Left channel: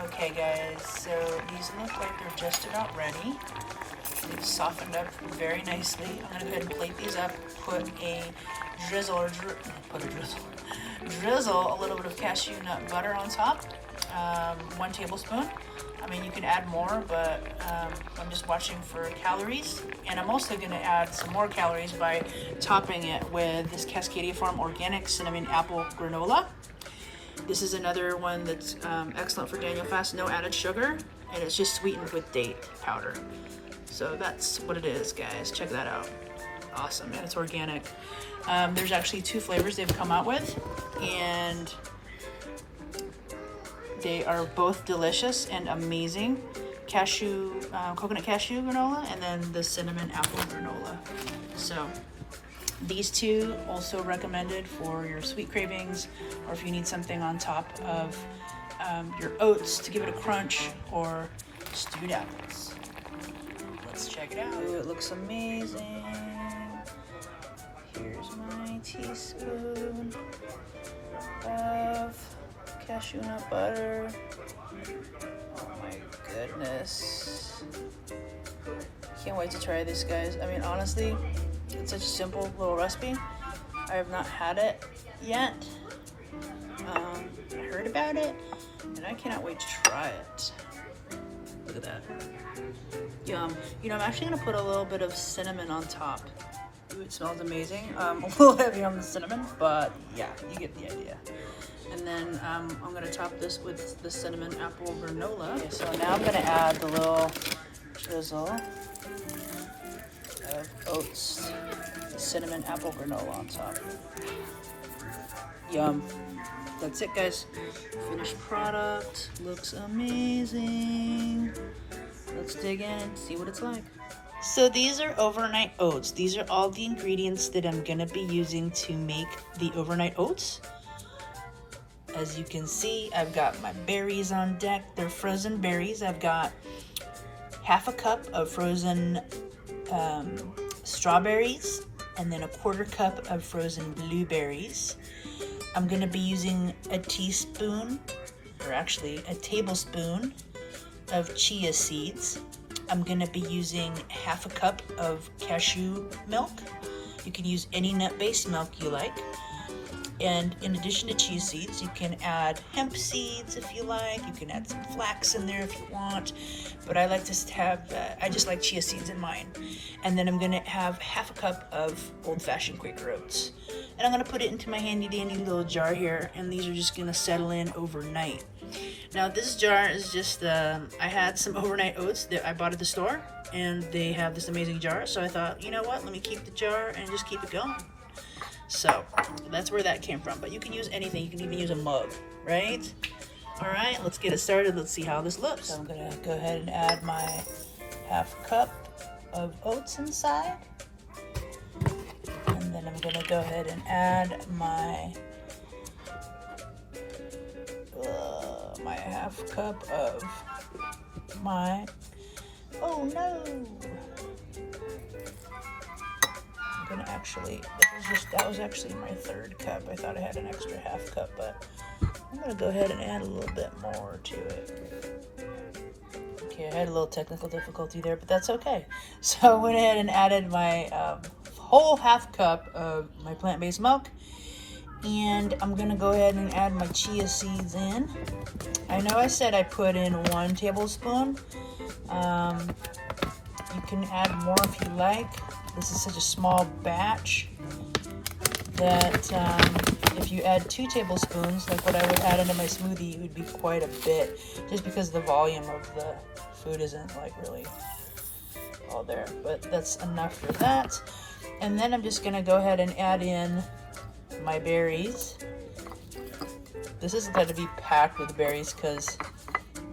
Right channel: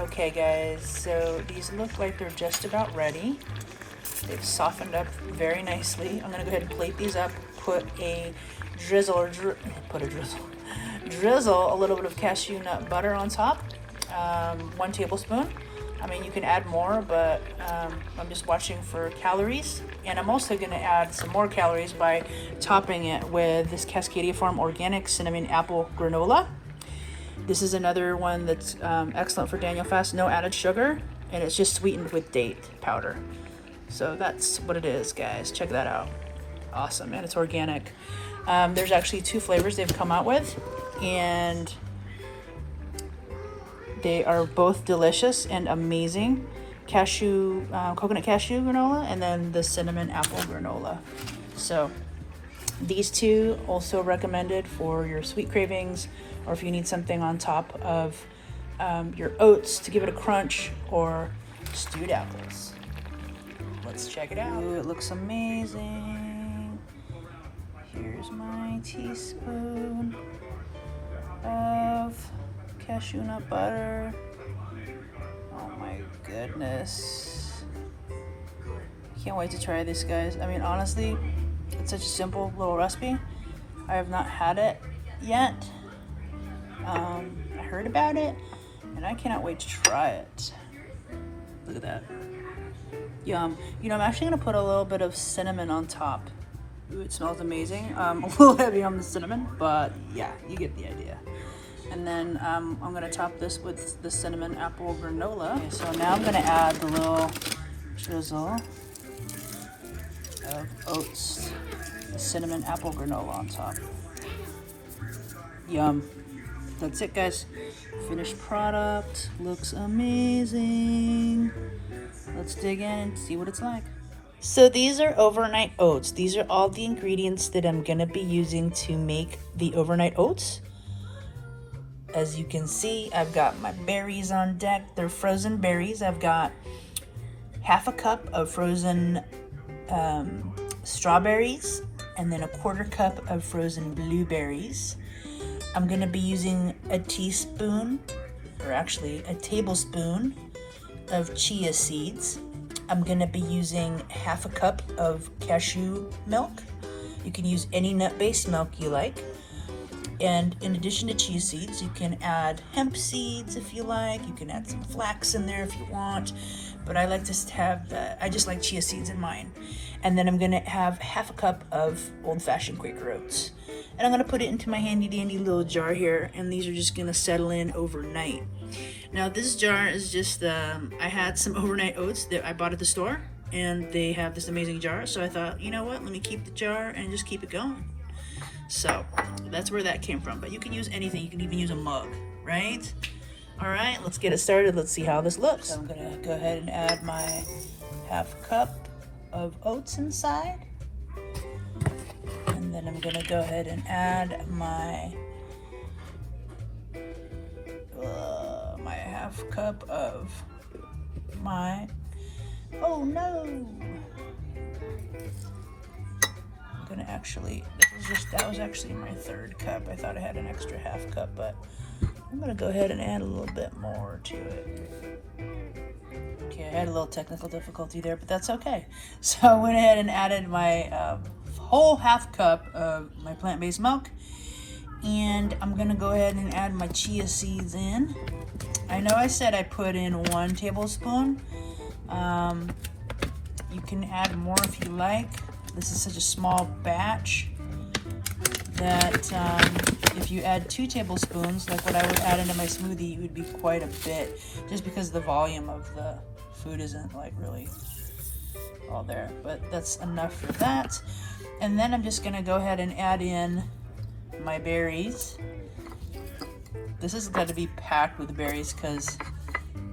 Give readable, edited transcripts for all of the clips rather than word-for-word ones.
Okay guys, so these look like they're just about ready. They've softened up very nicely. I'm gonna go ahead and plate these up, put a drizzle a little bit of cashew nut butter on top, 1 tablespoon. I mean, you can add more, but I'm just watching for calories. And I'm also gonna add some more calories by topping it with this Cascadia Farm Organic Cinnamon Apple Granola. This is another one that's excellent for Daniel Fast, no added sugar, and it's just sweetened with date powder. So that's what it is, guys. Check that out. Awesome, and it's organic. There's actually 2 flavors they've come out with, and they are both delicious and amazing. Cashew, coconut cashew granola, and then the cinnamon apple granola. So these 2 also recommended for your sweet cravings, or if you need something on top of your oats to give it a crunch, or stewed apples. Let's check it out. Ooh, it looks amazing. Here's my teaspoon of cashew nut butter. Oh my goodness. Can't wait to try this, guys. I mean, honestly, it's such a simple little recipe. I have not had it yet. I heard about it, and I cannot wait to try it. Look at that. Yum. You know, I'm actually gonna put a little bit of cinnamon on top. Ooh, it smells amazing. A little heavy on the cinnamon, but yeah, you get the idea. And then I'm gonna top this with the cinnamon apple granola. Okay, so now I'm gonna add the little drizzle of oats, the cinnamon apple granola on top. Yum. That's it, guys. Finished product. Looks amazing. Let's dig in and see what it's like. So these are overnight oats. These are all the ingredients that I'm gonna be using to make the overnight oats. As you can see, I've got my berries on deck. They're frozen berries. I've got half a cup of frozen strawberries, and then a 1/4 cup of frozen blueberries. I'm gonna be using a teaspoon, or actually a tablespoon, of chia seeds. I'm gonna be using half a cup of cashew milk. You can use any nut-based milk you like. And in addition to chia seeds, you can add hemp seeds if you like. You can add some flax in there if you want. But I like to have, I just like chia seeds in mine. And then I'm gonna have half a cup of old-fashioned Quaker oats. And I'm gonna put it into my handy-dandy little jar here, and these are just gonna settle in overnight. Now this jar is just, I had some overnight oats that I bought at the store, and they have this amazing jar, so I thought, you know what, let me keep the jar and just keep it going. So that's where that came from, but you can use anything. You can even use a mug, right? All right, let's get it started. Let's see how this looks. So I'm gonna go ahead and add my half cup of oats inside. And then I'm gonna go ahead and add my half cup of my, oh no, I'm gonna actually, that was actually my 3rd cup. I thought I had an extra half cup, but I'm gonna go ahead and add a little bit more to it. Okay, I had a little technical difficulty there, but that's okay. So I went ahead and added my whole half cup of my plant-based milk, and I'm gonna go ahead and add my chia seeds in. I know I said I put in 1 tablespoon. You can add more if you like. This is such a small batch that if you add 2 tablespoons, like what I would add into my smoothie, it would be quite a bit, just because the volume of the food isn't like really all there. But that's enough for that. And then I'm just gonna go ahead and add in my berries. This has got to be packed with berries because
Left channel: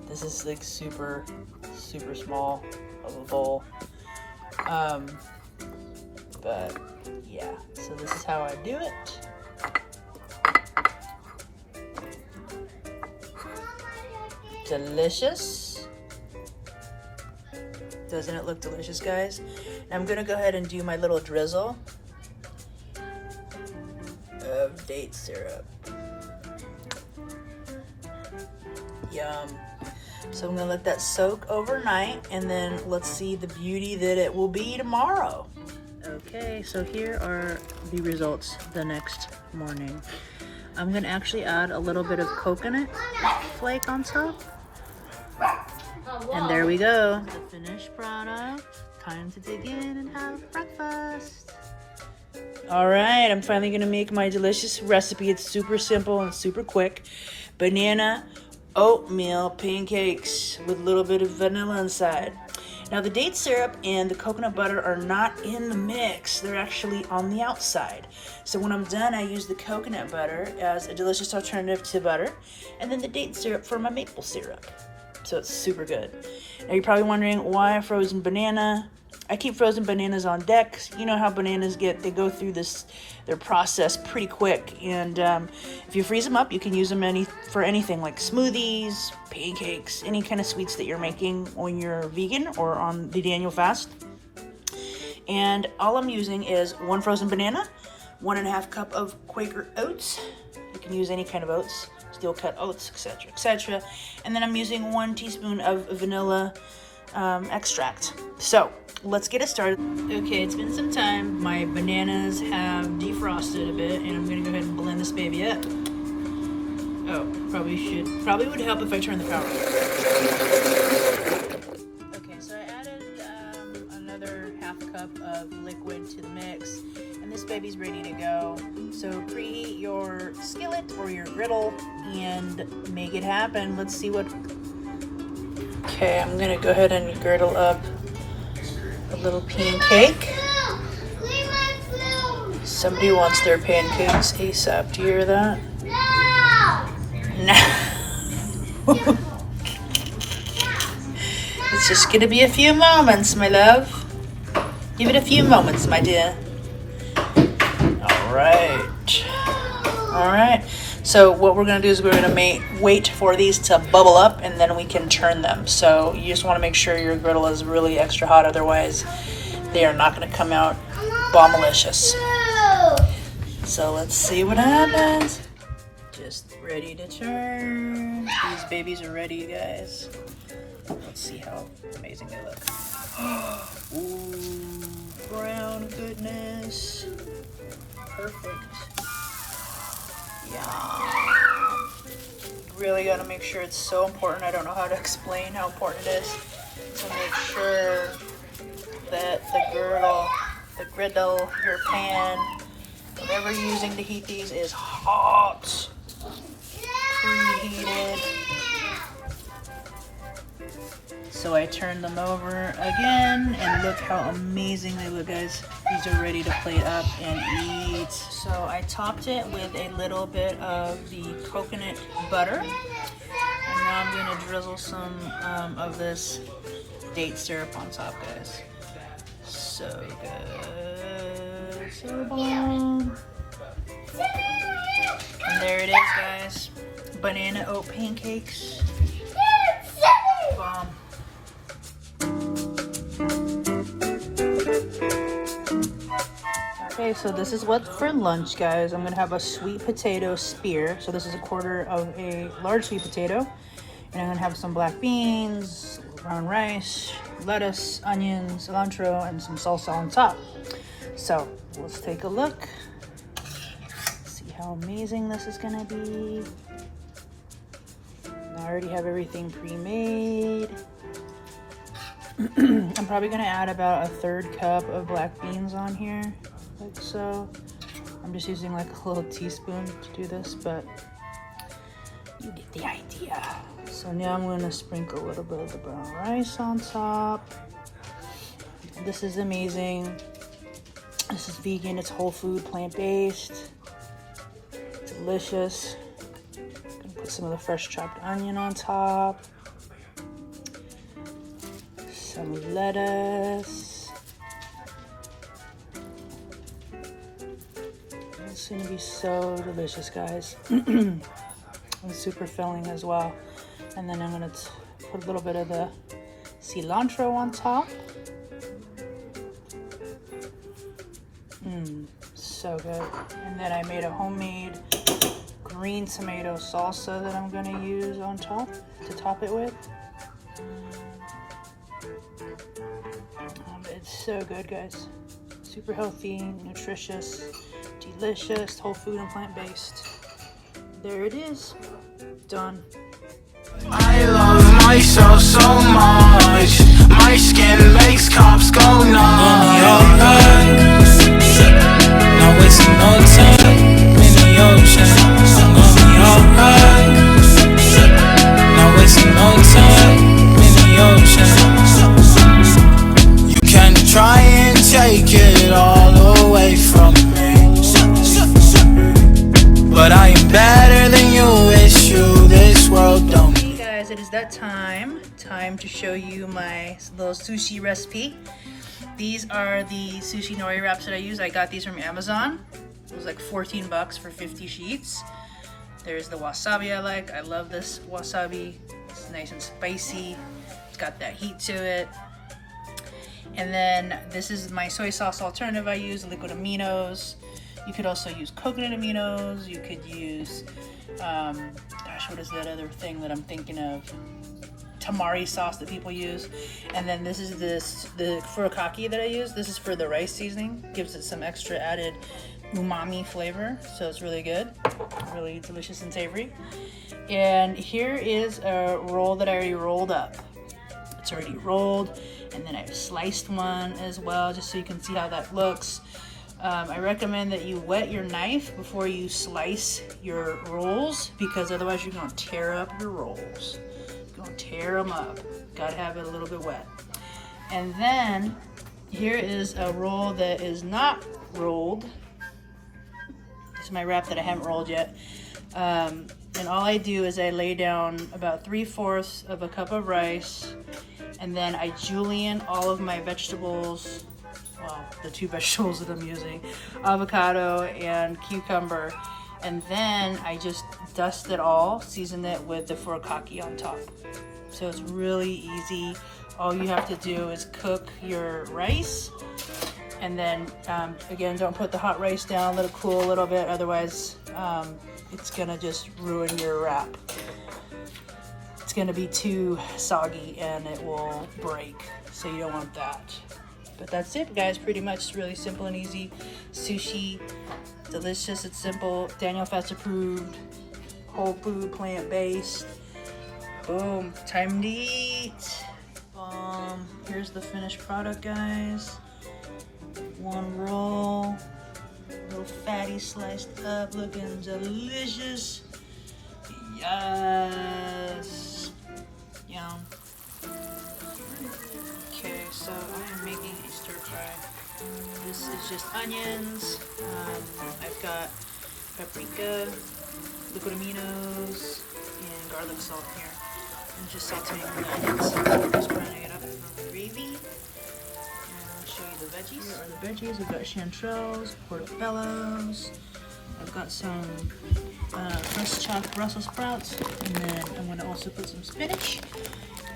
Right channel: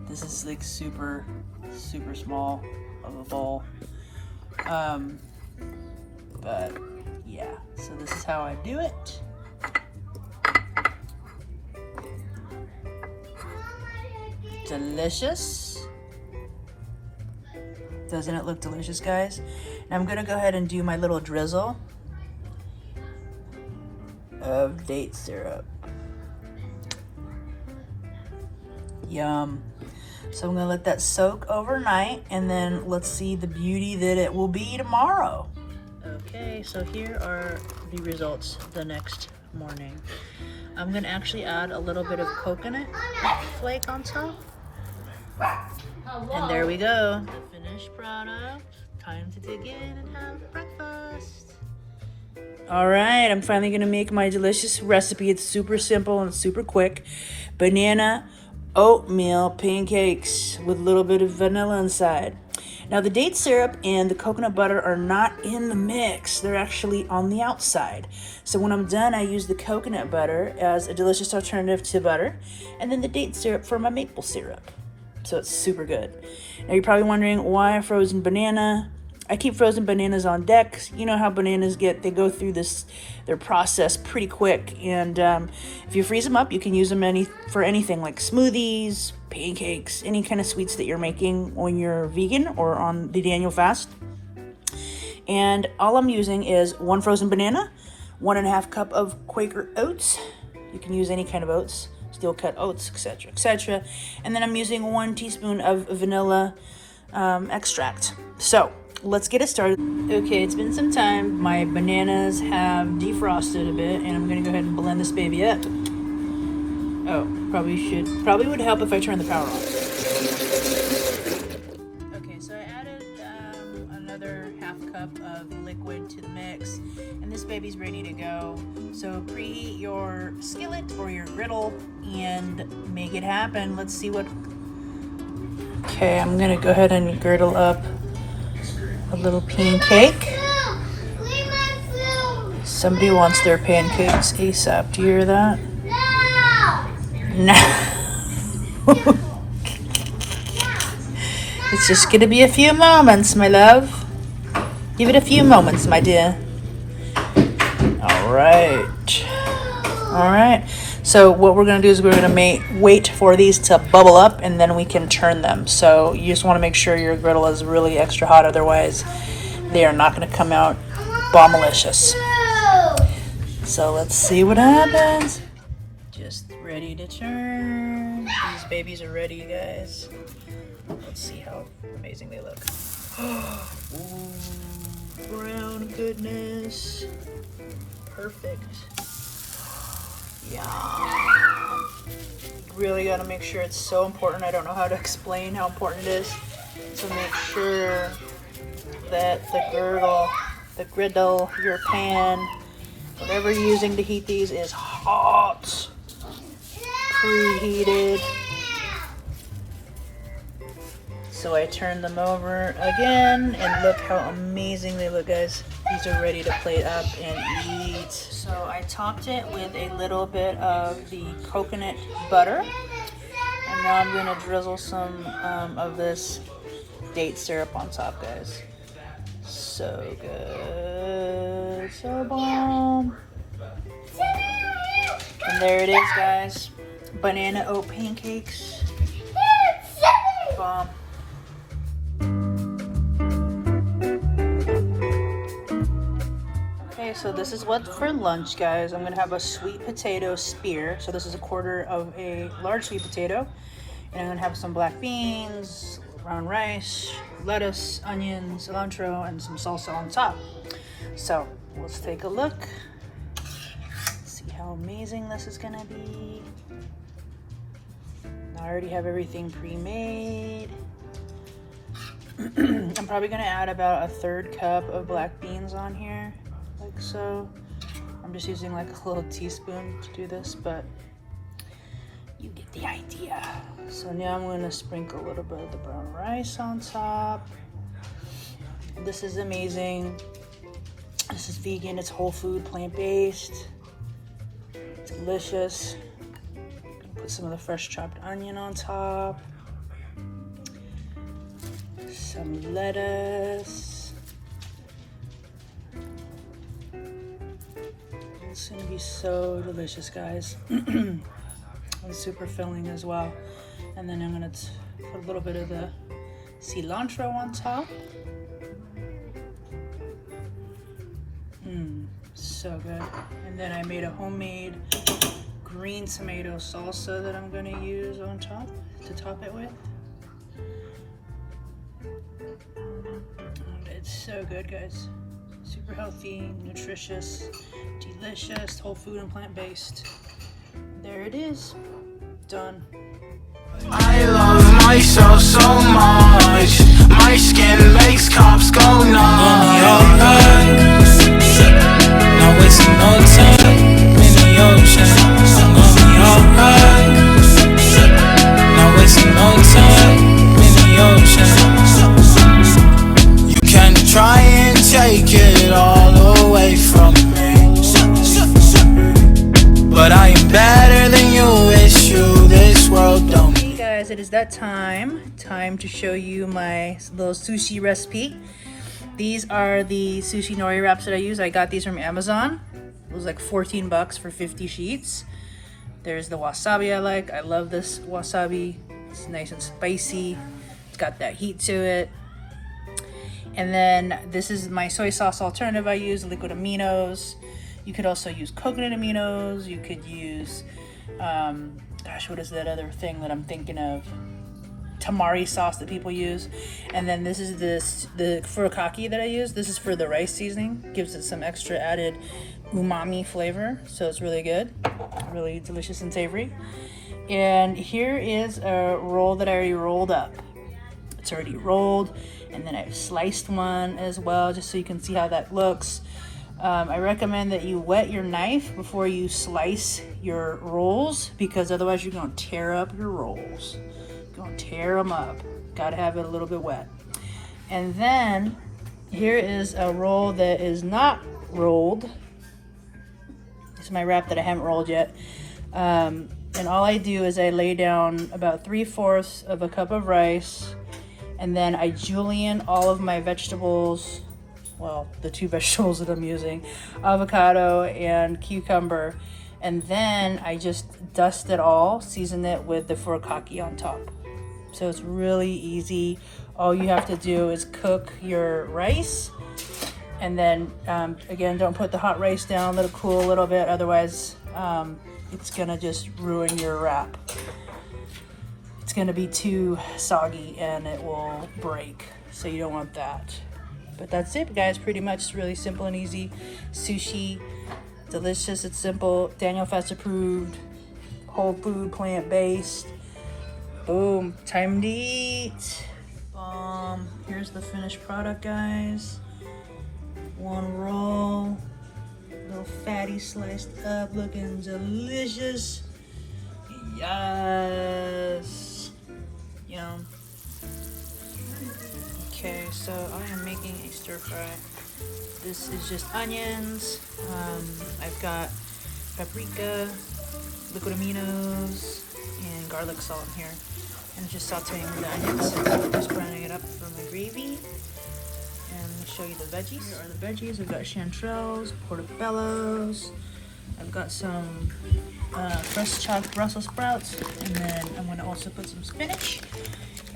this is like super small of a bowl. But yeah, so this is how I do it. Delicious. Doesn't it look delicious, guys? Now I'm gonna go ahead and do my little drizzle of date syrup. Yum. So I'm gonna let that soak overnight, and then let's see the beauty that it will be tomorrow. Okay, so here are the results the next morning. I'm gonna actually add a little bit of coconut flake on top. And there we go, the finished product. Time to dig in and have breakfast. All right, I'm finally gonna make my delicious recipe. It's super simple and super quick. Banana oatmeal pancakes with a little bit of vanilla inside. Now the date syrup and the coconut butter are not in the mix. They're actually on the outside. So when I'm done, I use the coconut butter as a delicious alternative to butter, and then the date syrup for my maple syrup. So it's super good. Now you're probably wondering why a frozen banana. I keep frozen bananas on deck. You know how bananas they go through their process pretty quick. And if you freeze them up, you can use them for anything like smoothies, pancakes, any kind of sweets that you're making when you're vegan or on the Daniel fast. And all I'm using is 1 frozen banana, 1.5 cup of Quaker oats. You can use any kind of oats, steel cut oats, etc., etc. And then I'm using 1 teaspoon of vanilla extract. So let's get it started. Okay, it's been some time. My bananas have defrosted a bit, and I'm gonna go ahead and blend this baby up. Oh, probably would help if I turn the power on. Okay, so I added another 1/2 cup of liquid to the mix, and this baby's ready to go. So preheat your skillet or your griddle and make it happen. Let's see what. Okay, I'm gonna go ahead and griddle up a little pancake. Somebody wants their pancakes ASAP. Do you hear that? No. It's just gonna be a few moments, my love. Give it a few moments, my dear. All right. So what we're gonna do is we're gonna wait for these to bubble up, and then we can turn them. So you just want to make sure your griddle is really extra hot, otherwise they are not gonna come out bombalicious. So let's see what happens. Just ready to turn. These babies are ready, you guys. Let's see how amazing they look. Ooh, brown goodness. Perfect. Yum. Really gotta make sure. It's so important. I don't know how to explain how important it is to make sure that the griddle, your pan, whatever you're using to heat these is hot, preheated. So I turned them over again, and look how amazing they look, guys. These are ready to plate up and eat. So I topped it with a little bit of the coconut butter, and now I'm gonna drizzle some of this date syrup on top, guys. So good, so bomb. And there it is, guys. Banana oat pancakes. Bomb. Okay, so this is what's for lunch, guys. I'm gonna have a sweet potato spear. So this is 1/4 of a large sweet potato. And I'm gonna have some black beans, brown rice, lettuce, onions, cilantro, and some salsa on top. So let's take a look. See how amazing this is gonna be. I already have everything pre-made. I'm probably gonna add about 1/3 cup of black beans on here, like so. I'm just using like a little teaspoon to do this, but you get the idea. So now I'm gonna sprinkle a little bit of the brown rice on top. This is amazing. This is vegan, it's whole food, plant-based. Delicious. Put some of the fresh chopped onion on top. Some lettuce. It's gonna be so delicious, guys. It's super filling as well. And then I'm gonna put a little bit of the cilantro on top. So so good. And then I made a homemade green tomato salsa that I'm gonna use on top to top it with. It's so good, guys. Super healthy, nutritious, delicious, whole food and plant-based. There it is. Done. I love myself so much. My skin makes cops go nuts. Not wasting no time in the ocean. I'm gonna be alright. Not wasting no time in the ocean. You can try and take it all away from me, but I am better than you. It's you, this world don't. Hey guys, it is that time to show you my little sushi recipe. These are the sushi nori wraps that I use. I got these from Amazon. It was like 14 bucks for 50 sheets. There's the wasabi I like. I love this wasabi. It's nice and spicy. It's got that heat to it. And then this is my soy sauce alternative I use, liquid aminos. You could also use coconut aminos. You could use, gosh, what is that other thing that I'm thinking of? Tamari sauce that people use. And then this is the furikake that I use. This is for the rice seasoning. Gives it some extra added umami flavor. So it's really good. Really delicious and savory. And here is a roll that I already rolled up. It's already rolled. And then I've sliced one as well, just so you can see how that looks. I recommend that you wet your knife before you slice your rolls, because otherwise you're gonna tear up your rolls. You're gonna tear them up. Gotta have it a little bit wet. And then here is a roll that is not rolled. This is my wrap that I haven't rolled yet. And all I do is I lay down about 3/4 of a cup of rice, and then I julienne all of my vegetables. Well, the two vegetables that I'm using, avocado and cucumber. And then I just dust it all, season it with the furikake on top. So it's really easy. All you have to do is cook your rice. And then, again, don't put the hot rice down, let it cool a little bit. Otherwise, it's gonna just ruin your wrap. It's gonna be too soggy and it will break. So you don't want that. But that's it, guys. Pretty much. It's really simple and easy. Sushi, delicious. It's simple. Daniel Fast approved. Whole food, plant-based. Boom. Time to eat. Here's the finished product, guys. One roll. Little fatty sliced up, looking delicious. Yes. Yum. Okay, so I am making a stir fry. This is just onions. I've got paprika, liquid aminos, and garlic salt here. And just sauteing the onions. So just grinding it up for my gravy. And let me show you the veggies. Here are the veggies. I've got chanterelles, portobellos. I've got some fresh chopped Brussels sprouts. And then I'm going to also put some spinach.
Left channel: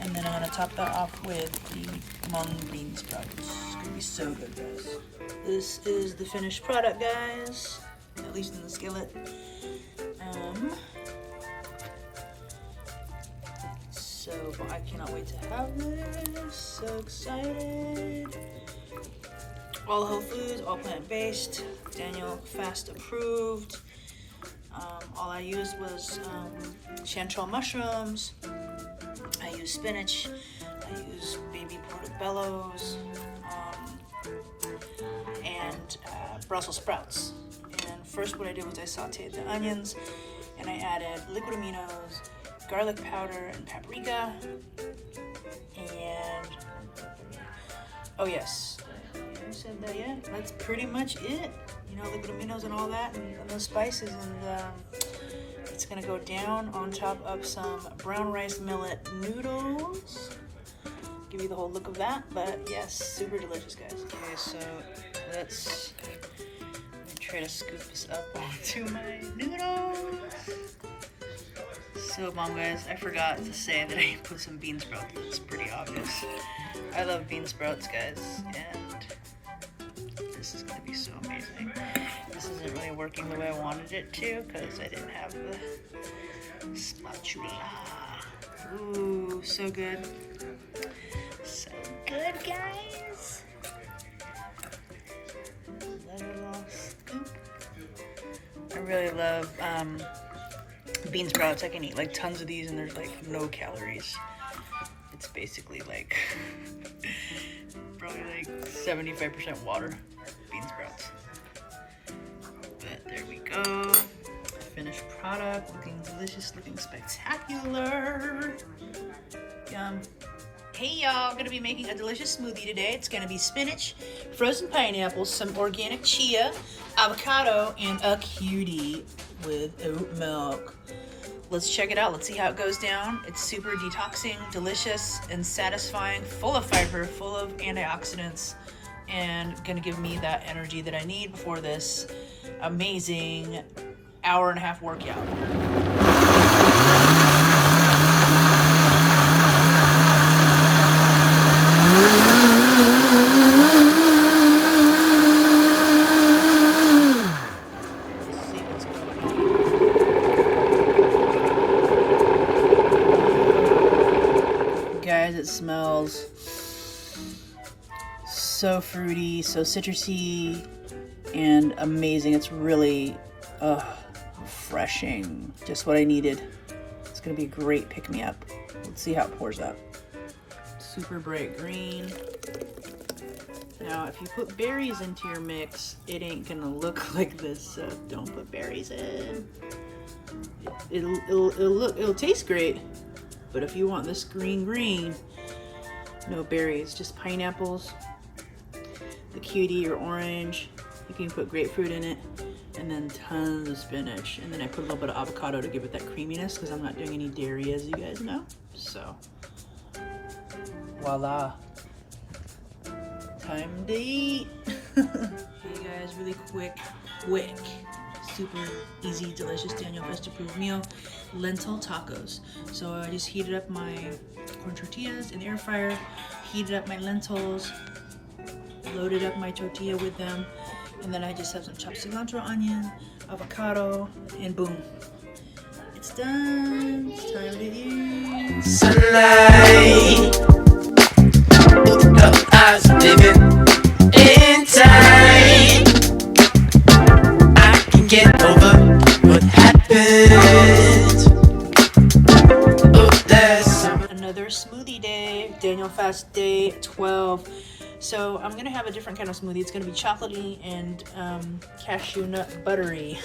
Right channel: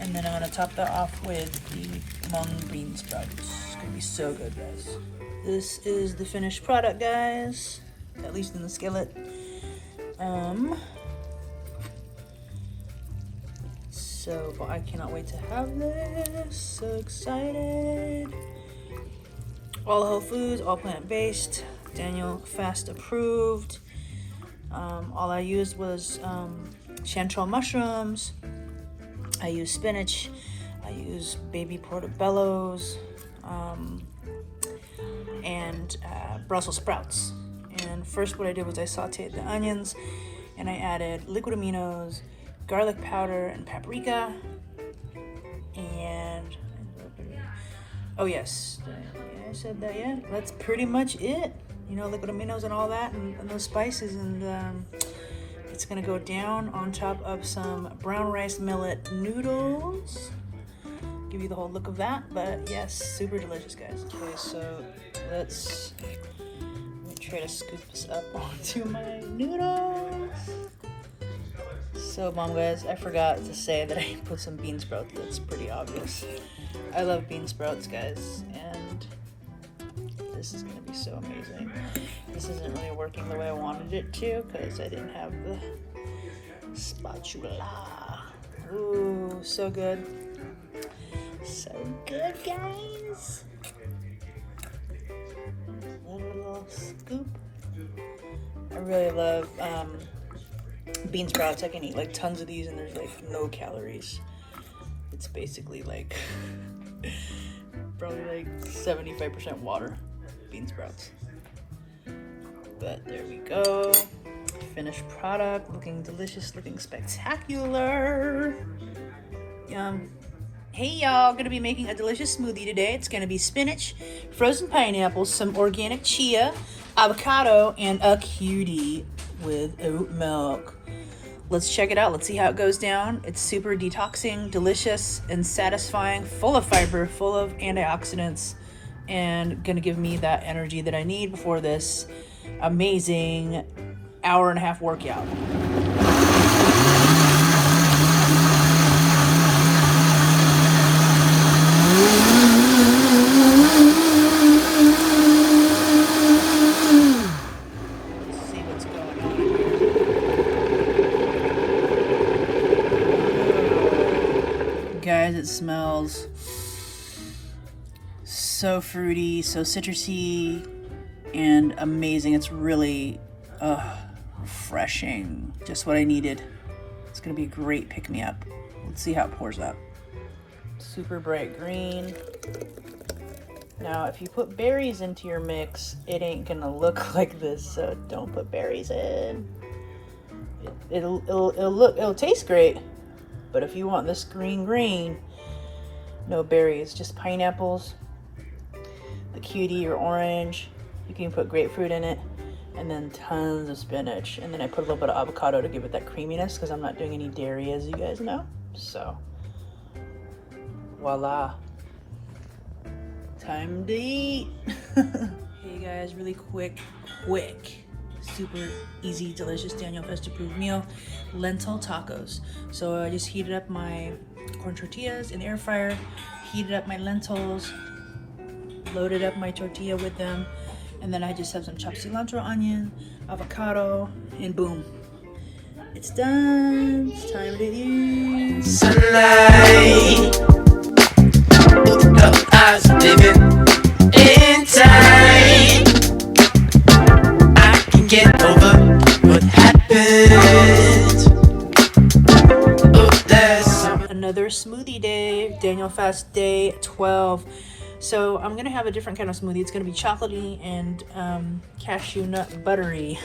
And then I'm gonna top that off with the mung bean sprouts. It's gonna be so good, guys. This is the finished product, guys. At least in the skillet. So I cannot wait to have this. So excited. All whole foods, all plant-based. Daniel Fast approved. All I used was chanterelle mushrooms. I use spinach, I use baby portobellos, and Brussels sprouts. And first what I did was I sauteed the onions, and I added liquid aminos, garlic powder, and paprika. And, oh yes, I said that yet? That's pretty much it. You know, liquid aminos and all that, and the spices, and it's gonna go down on top of some brown rice millet noodles. Give you the whole look of that, but yes, super delicious, guys. Okay, so let me try to scoop this up onto my noodles. So bomb, guys. I forgot to say that I put some bean sprouts. That's pretty obvious. I love bean sprouts, guys, and this is gonna be so amazing. this isn't really working the way I wanted it to because I didn't have the spatula. Ooh, so good. So good, guys. One little scoop. I really love bean sprouts. I can eat like tons of these and there's like no calories. It's basically like probably like 75% water, bean sprouts. But there we go. Finished product, looking delicious, looking spectacular. Yum. Hey y'all, gonna be making a delicious smoothie today. It's gonna be spinach, frozen pineapples, some organic chia, avocado, and a cutie with oat milk. Let's check it out. Let's see how it goes down. It's super detoxing, delicious, and satisfying, full of fiber, full of antioxidants, and gonna give me that energy that I need before this amazing hour-and-a-half workout. Guys, it smells so fruity, so citrusy, and amazing. It's really refreshing. Just what I needed. It's gonna be a great pick-me-up. Let's see how it pours up. Super bright green. Now, if you put berries into your mix, it ain't gonna look like this, so don't put berries in. It'll taste great. But if you want this green, no berries, just pineapples, the cutie or orange. You can put grapefruit in it, and then tons of spinach. And then I put a little bit of avocado to give it that creaminess because I'm not doing any dairy, as you guys know. So, voila. Time to eat. Hey guys, really quick, super easy, delicious Daniel Fest approved meal, lentil tacos. So I just heated up my corn tortillas in the air fryer, heated up my lentils, loaded up my tortilla with them, and then I just have some chopped cilantro, onion, avocado, and boom, it's done. It's time to eat. Sunlight, open up eyes, living in time. I can get over what happened. Oh, there's Another smoothie day, Daniel Fast day 12. So I'm gonna have a different kind of smoothie. It's gonna be chocolatey and cashew nut buttery.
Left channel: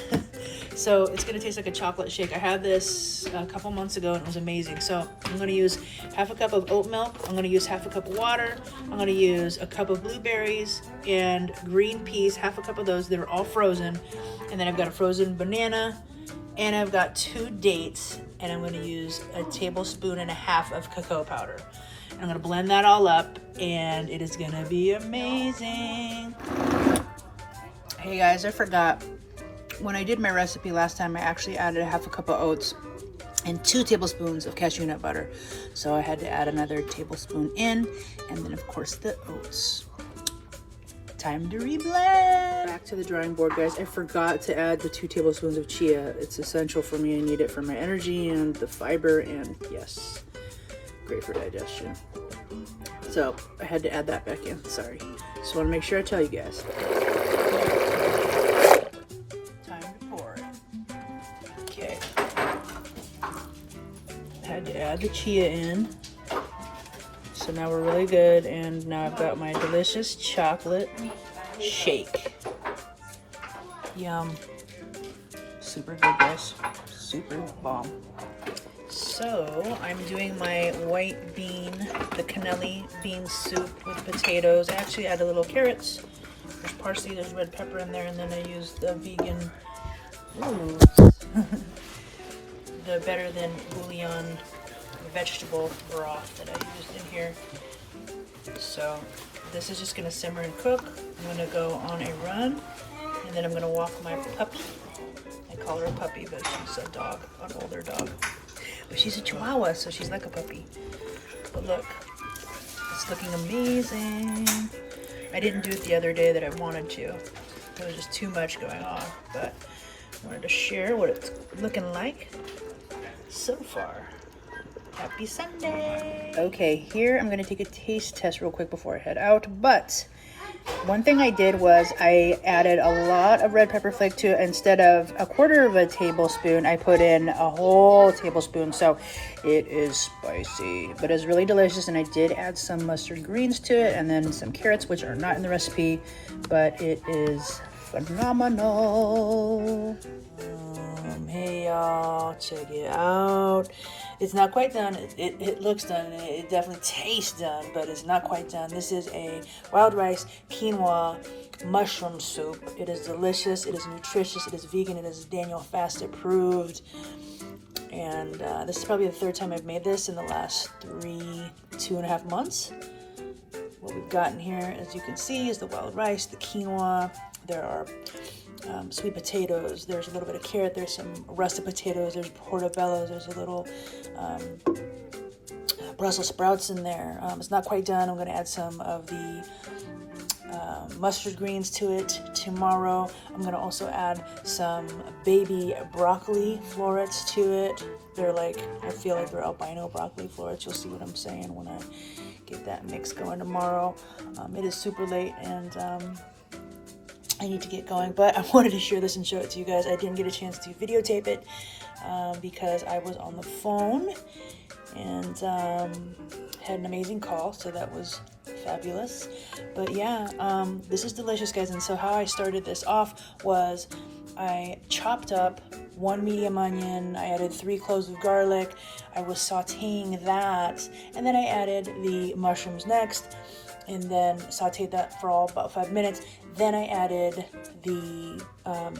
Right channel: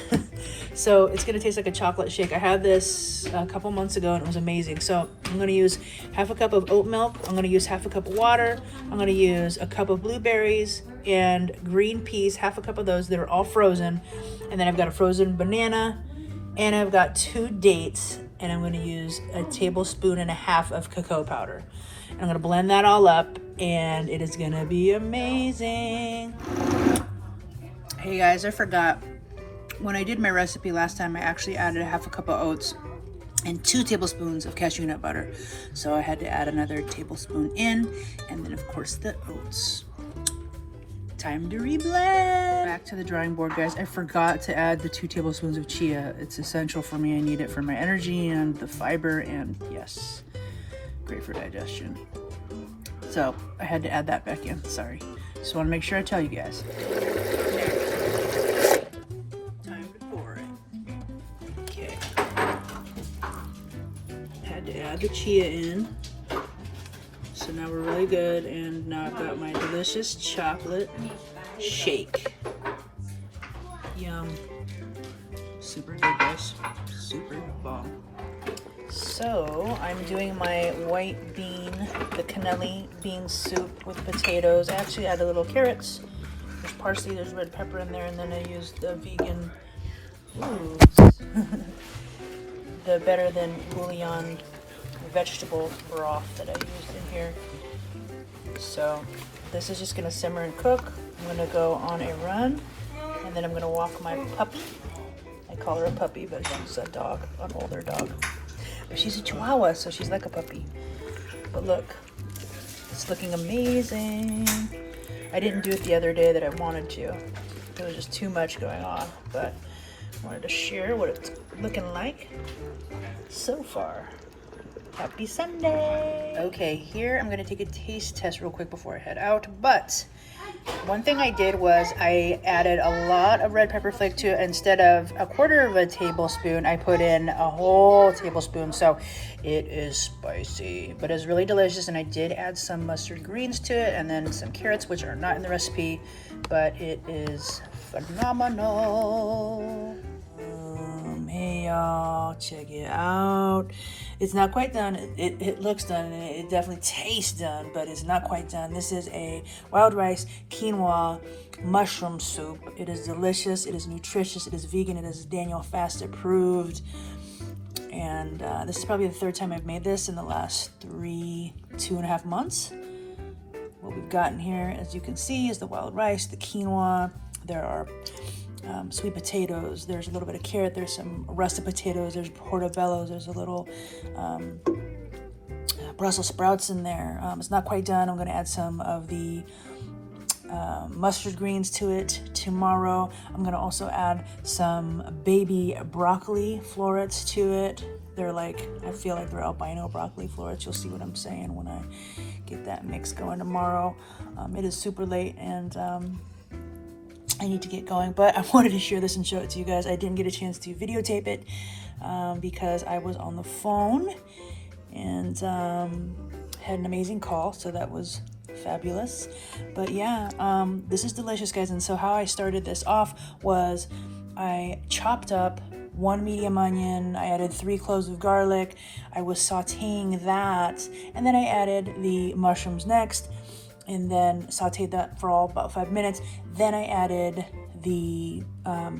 So it's gonna taste like a chocolate shake. I had this a couple months ago and it was amazing. So I'm gonna use half a cup of oat milk. I'm gonna use half a cup of water. I'm gonna use a cup of blueberries and green peas, half a cup of those that are all frozen. And then I've got a frozen banana and I've got 2 dates, and I'm gonna use a tablespoon and a half of cacao powder. And I'm gonna blend that all up and it is gonna be amazing. Hey guys, I forgot. When I did my recipe last time, I actually added a half a cup of oats and 2 tablespoons of cashew nut butter. So I had to add another tablespoon in, and then of course the oats. Time to reblend. Back to the drawing board, guys. I forgot to add the 2 tablespoons of chia. It's essential for me. I need it for my energy and the fiber, and yes, great for digestion. So I had to add that back in. Sorry. Just want to make sure I tell you guys. Time to pour it. Okay. Had to add the chia in. So now we're really good, and now I've got my delicious chocolate shake. Yum. Super good, guys. Super bomb. So I'm doing my white bean, the cannelli bean soup with potatoes. I actually add a little carrots. There's parsley, there's red pepper in there, and then I used the vegan, the better than bouillon vegetable broth that I used in here. So this is just gonna simmer and cook. I'm gonna go on a run, and then I'm gonna walk my puppy. I call her a puppy, but she's a dog, an older dog. But she's a Chihuahua, so she's like a puppy. But look, it's looking amazing. I didn't do it the other day that I wanted to. There's just too much going on, but I wanted to share what it's looking like so far. Happy Sunday! Okay, here I'm gonna take a taste test real quick before I head out, but one thing I did was I added a lot of red pepper flake to it. Instead of a quarter of a tablespoon, I put in a whole tablespoon, so it is spicy, but it's really delicious. And I did add some mustard greens to it and then some carrots, which are not in the recipe, but it is phenomenal. Hey y'all, check it out. It's not quite done. It looks done. It definitely tastes done, but it's not quite done. This is a wild rice quinoa mushroom soup. It is delicious. It is nutritious. It is vegan. It is Daniel Fast approved. And this is probably the third time I've made this in the last 2.5 months. What we've gotten here, as you can see, is the wild rice, the quinoa. There are sweet potatoes, there's a little bit of carrot, there's some russet potatoes, there's portobello, there's a little Brussels sprouts in there. It's not quite done. I'm going to add some of the mustard greens to it tomorrow. I'm going to also add some baby broccoli florets to it. They're like, I feel like they're albino broccoli florets. You'll see what I'm saying when I get that mix going tomorrow. It is super late and I need to get going, but I wanted to share this and show it to you guys. I didn't get a chance to videotape it because I was on the phone and had an amazing call, so that was fabulous. But yeah, this is delicious, guys. And so how I started this off was I chopped up 1 medium onion, I added 3 cloves of garlic, I was sauteing that, and then I added the mushrooms next, and then sauteed that for about 5 minutes. Then I added the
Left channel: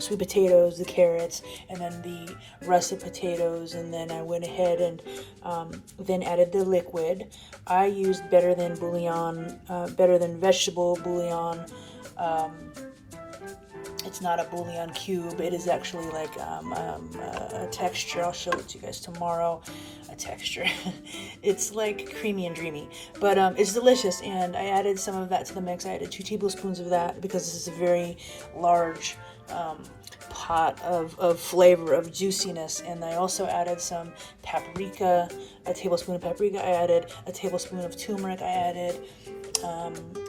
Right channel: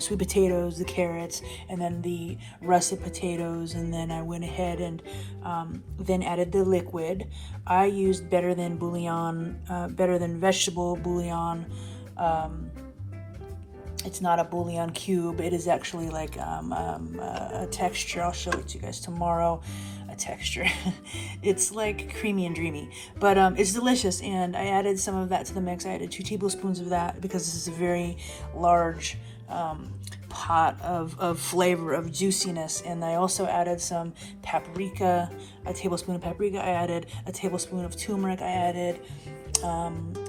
sweet potatoes, the carrots, and then the russet potatoes, and then I went ahead and then added the liquid. I used better than vegetable bouillon. It's not a bouillon cube. It is actually like a texture. I'll show it to you guys tomorrow. A texture. It's like creamy and dreamy, but it's delicious. And I added some of that to the mix. I added 2 tablespoons of that because this is a very large pot of flavor, of juiciness. And I also added some paprika, a tablespoon of paprika. I added a tablespoon of turmeric. I added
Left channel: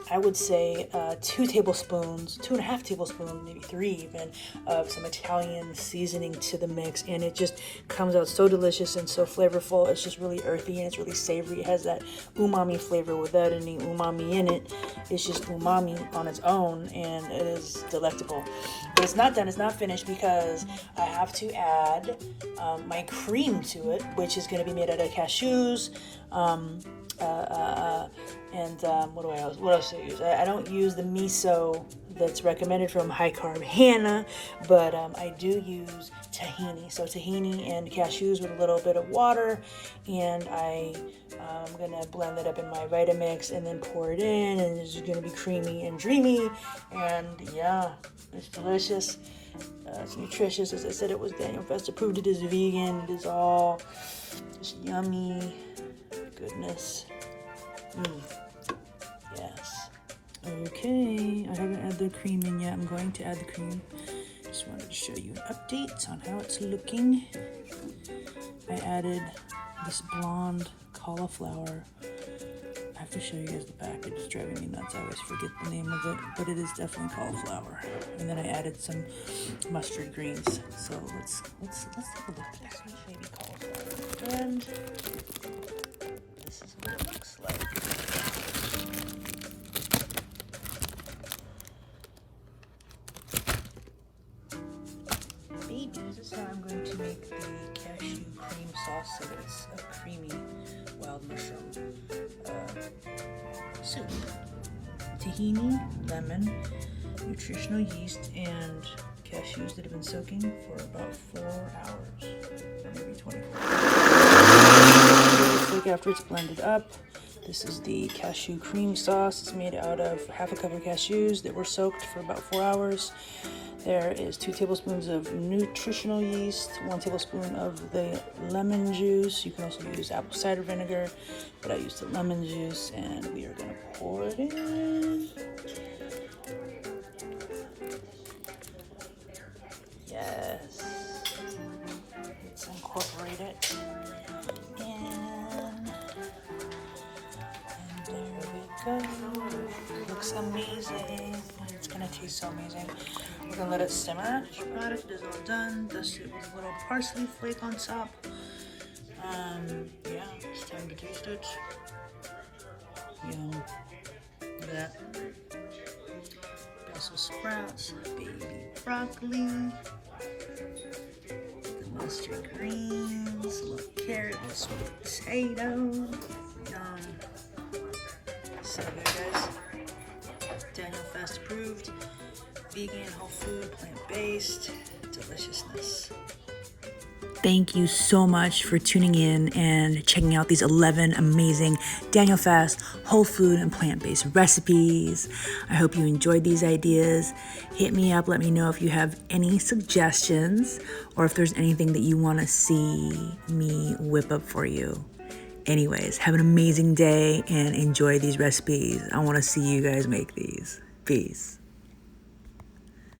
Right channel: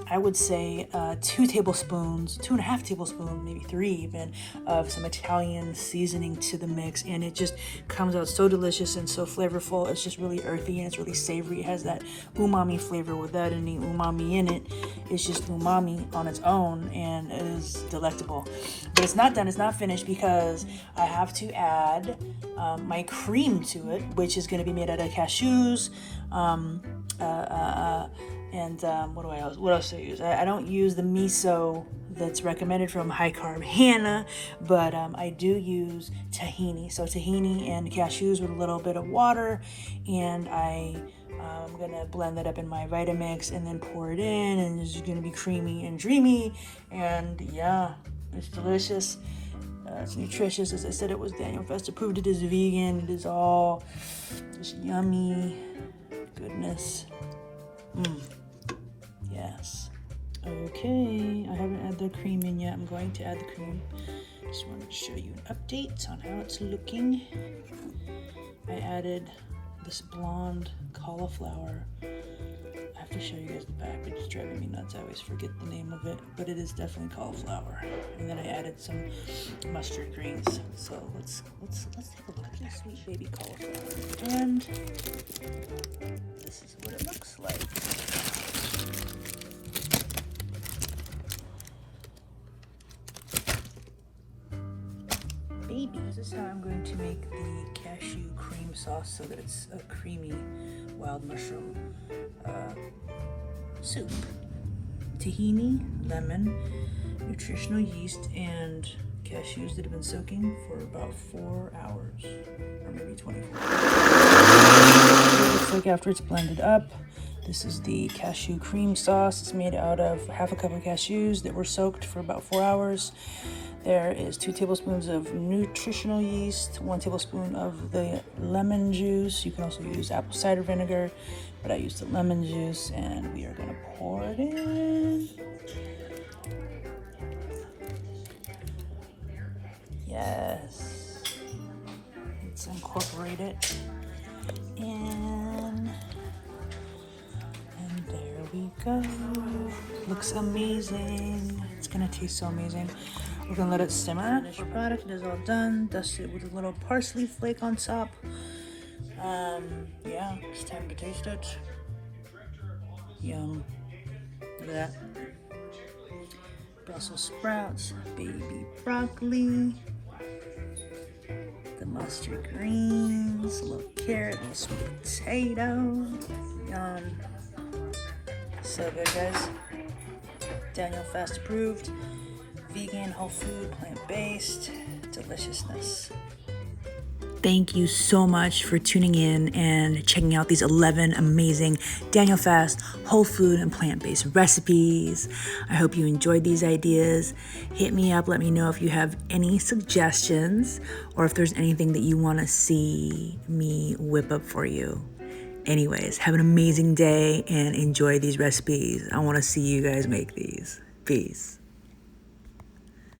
I would say 2 tablespoons, 2.5 tablespoons, maybe 3 even, of some Italian seasoning to the mix, and it just comes out so delicious and so flavorful. It's just really earthy and it's really savory. It has that umami flavor without any umami in it. It's just umami on its own, and it is delectable. But it's not done, it's not finished, because I have to add my cream to it, which is going to be made out of cashews, and what else do I use? I don't use the miso that's recommended from High Carb Hannah, but I do use tahini. So tahini and cashews with a little bit of water, and I'm gonna blend that up in my Vitamix and then pour it in, and it's gonna be creamy and dreamy. And yeah, it's delicious. It's nutritious. As I said, it was Daniel Fest approved. It is vegan. It is all just yummy goodness. Yes. Okay, I haven't added the cream in yet. I'm going to add the cream. Just wanted to show you an update on how it's looking. I added this blonde cauliflower. I have to show you guys the back. It's driving me nuts. I always forget the name of it, but it is definitely cauliflower. And then I added some mustard greens. So let's take a look at that sweet baby cauliflower. And this is what it looks like. Baby, this is how I'm going to make the cashew cream sauce so that it's a creamy wild mushroom soup. Tahini, lemon, nutritional yeast, and cashews that have been soaking for about 4 hours, or maybe 24 hours. It's like after it's blended up. This is the cashew cream sauce. It's made out of 1/2 cup of cashews that were soaked for about 4 hours. There is 2 tablespoons of nutritional yeast, 1 tablespoon of the lemon juice. You can also use apple cider vinegar, but I used the lemon juice, and we are gonna pour it in. Yes. Let's incorporate it. And there we go. Looks amazing. It's gonna taste so amazing. We're gonna let it simmer. Finished product is all done. Dust it with a little parsley flake on top. Yeah, it's time to taste it. Yum. Look at that. Brussels sprouts, baby broccoli, the mustard greens, a little carrot, a little sweet potato. Yum. So good, guys. Daniel Fast approved. Vegan, whole food, plant-based. Deliciousness. Thank you so much for tuning in and checking out these 11 amazing Daniel Fast whole food and plant-based recipes. I hope you enjoyed these ideas. Hit me up. Let me know if you have any suggestions or if there's anything that you want to see me whip up for you. Anyways, have an amazing day and enjoy these recipes. I want to see you guys make these. Peace.